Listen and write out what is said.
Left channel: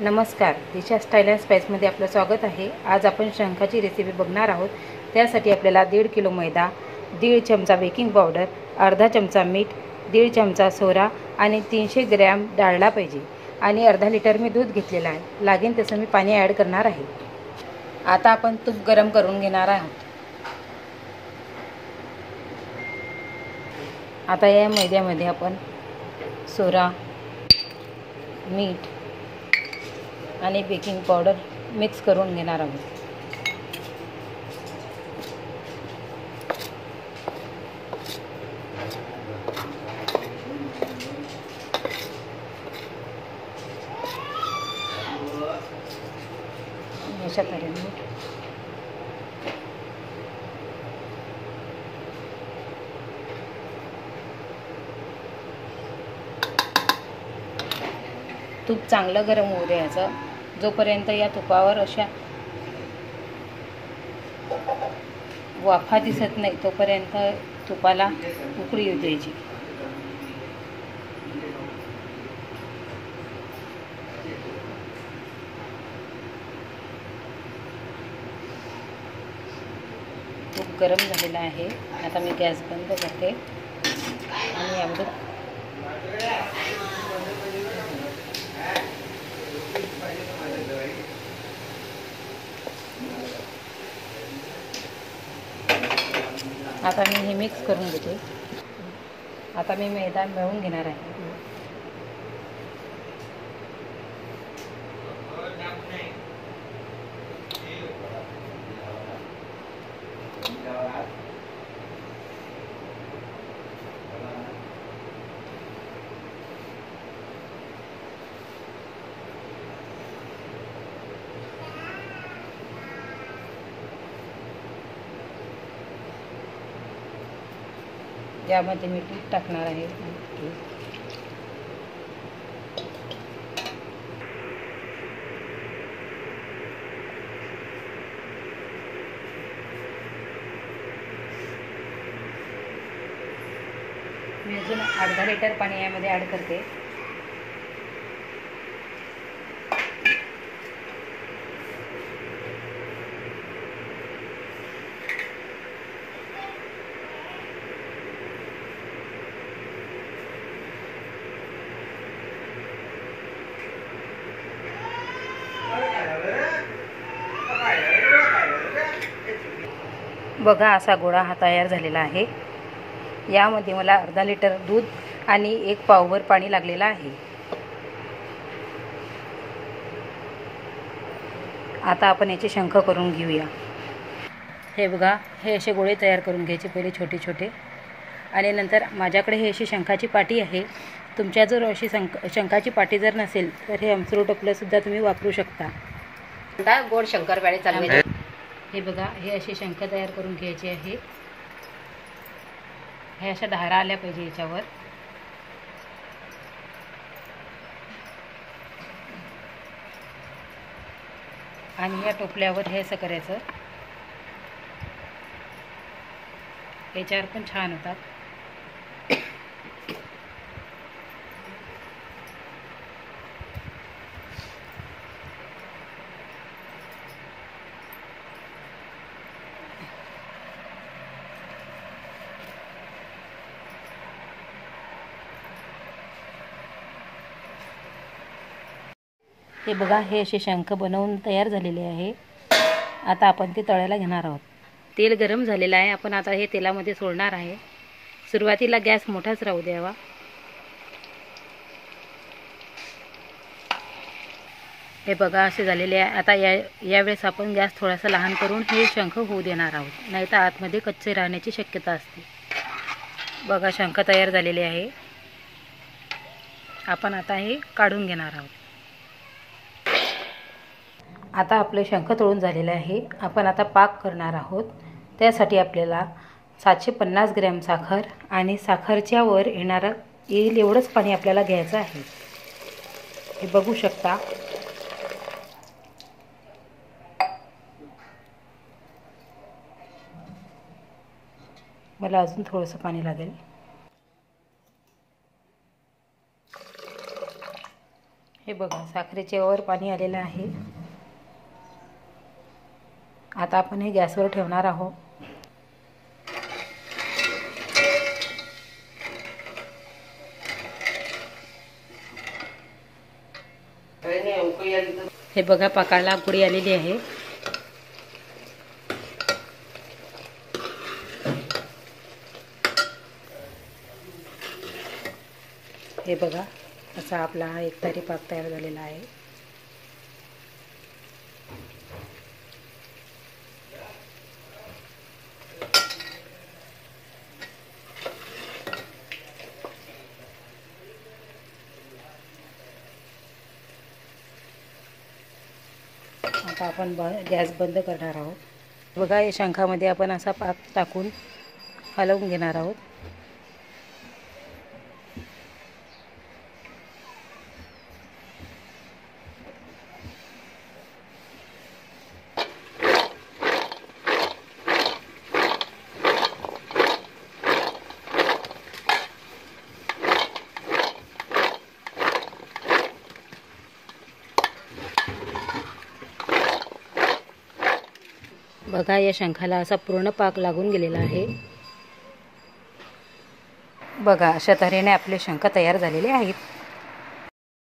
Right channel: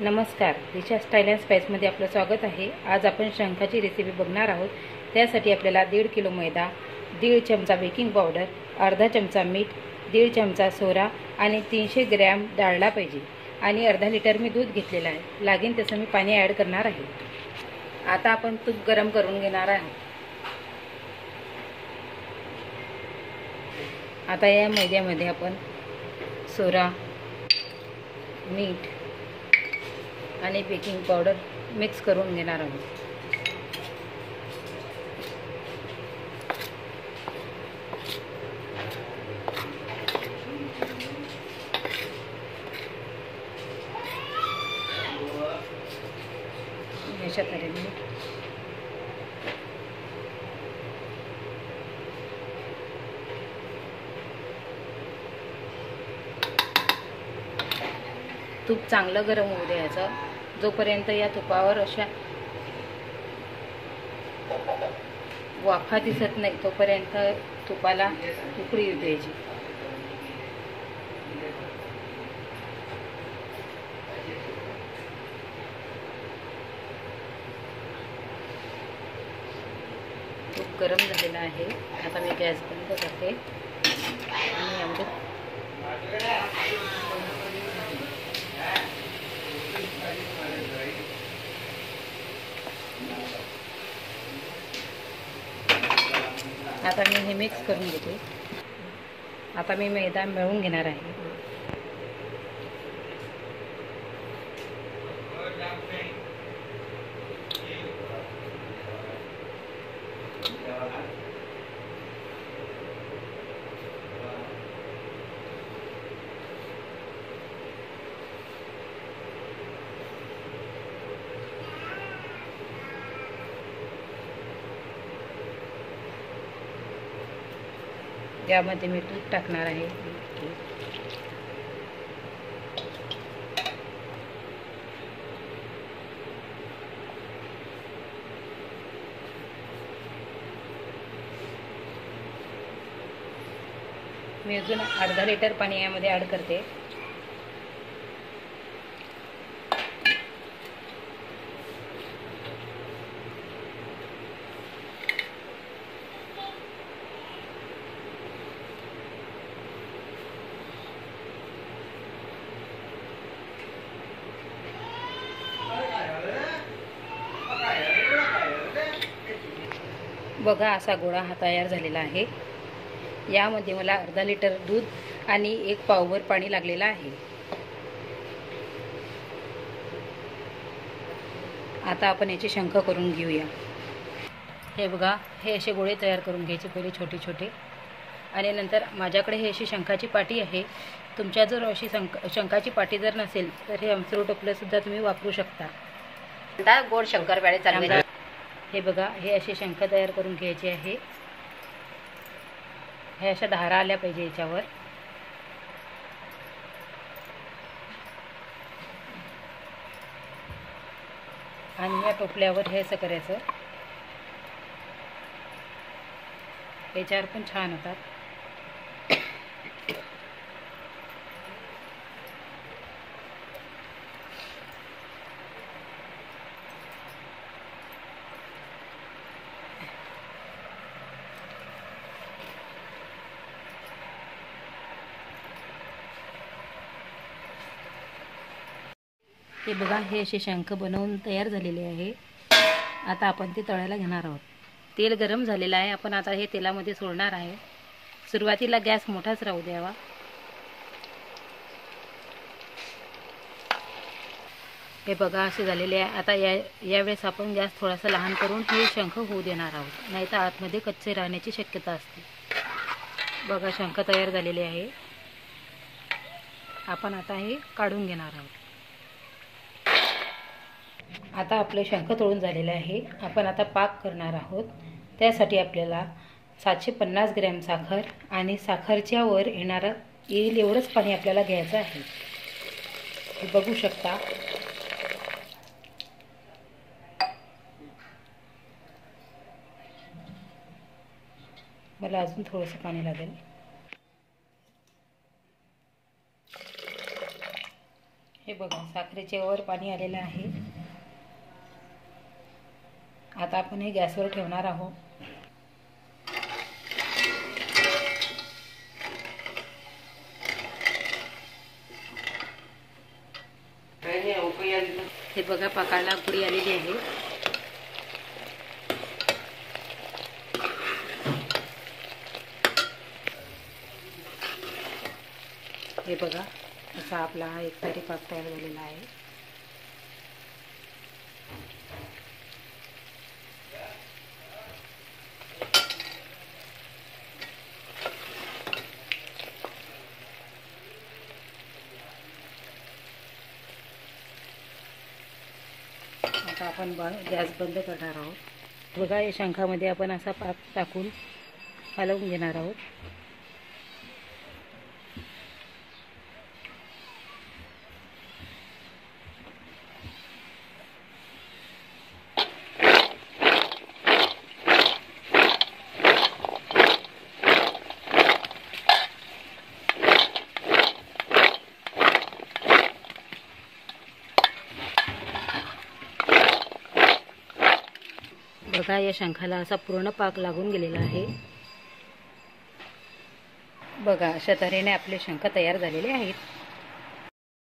नमस्कार, दिशा style and स्पाइसमध्ये आपलं स्वागत आहे। आज आपण शंखाची रेसिपी बघणार आहोत। त्यासाठी आपल्याला 1.5 किलो मैदा, 1.5 चमचा बेकिंग पावडर, अर्धा चमचा मीठ, 1.5 चमचा सोडा आणि 300 ग्रॅम डाळला पाहिजे आणि अर्धा लिटर मी दूध घेतलेलं आहे। लागेल तसं मी पाणी ॲड करणार आहे। आता आपण तूप गरम करून घेणार आहोत। आता या मैद्यामध्ये आपण सोडा, मीठ आणि बेकिंग पावडर मिक्स करून घेणार आहोत। अशा तऱ्हेने तूप चांगलं गरम होऊ द्यायचं। जोपर्यंत या तुपावर अशा वाफा दिसत नाही तोपर्यंत तुपाला उकळी येऊ द्यायची। तूप गरम झालेला आहे। आता मी गॅस बंद करते आणि यामध्ये आता मी हे मिक्स करून घेते। आता मी मैदा मळून घेणार आहे। यामध्ये मी तूप टाकणार आहे। मी अजून अर्धा लिटर पाणी यामध्ये ॲड करते। बघा, असा गोळा हा तयार झालेला आहे। यामध्ये मला अर्धा लिटर दूध आणि 1 पावभर पाणी लागलेलं आहे। आता आपण याचे शंख करून घेऊया। हे बघा, हे असे गोळे तयार करून घ्यायचे पहिले छोटे छोटे आणि नंतर माझ्याकडे हे अशी शंखाची पाटी आहे। तुमच्या जर अशी शंखाची पाटी जर नसेल तर हे अमसुर टोपलं सुद्धा तुम्ही वापरू शकता। गोड शंकरपाळे चालवायचे। हे बघा, हे असे शंख तयार करून घ्यायचे आहे। हे अशा धारा आल्या पाहिजे याच्यावर। आणि या टोपल्यावर हे असं करायचं। याच्यावर पण छान होतात। हे बघा, हे असे शंख बनवून तयार झालेले आहे। आता आपण ते तळायला घेणार आहोत। तेल गरम झालेलं आहे। आपण आता हे तेलामध्ये सोडणार आहे। सुरुवातीला गॅस मोठाच राहू द्यावा। हे बघा, असे झालेले आहे। आता यावेळेस आपण गॅस थोडासा लहान करून हे शंख होऊ देणार आहोत, नाहीतर आतमध्ये कच्चे राहण्याची शक्यता असते। बघा, शंख तयार झालेले आहे। आपण आता हे काढून घेणार आहोत। आता आपले शंख तळून झालेले आहे। आपण आता पाक करणार आहोत। त्यासाठी आपल्याला 750 ग्रॅम साखर आणि साखरच्या वर येईल एवढंच पाणी आपल्याला घ्यायचं आहे। हे बघू शकता। मला अजून थोडंसं पाणी लागेल। हे हे बघा साखरेचे वर पाणी आलेलं आहे। आता आपण हे गॅसवर ठेवणार आहोत। हे बघा पाकाला उकळी आलेली आहे। हे बघा असा आपला हा एकतारी पाक तयार झालेला आहे। आता आपण गॅस बंद करणार आहोत। बघा या शंखामध्ये आपण असा पाक टाकून हलवून घेणार आहोत। बघा या शंखाला असा पूर्ण पाक लागून गेलेला आहे। बघा अशा तऱ्हेने आपले शंख तयार झालेले आहेत।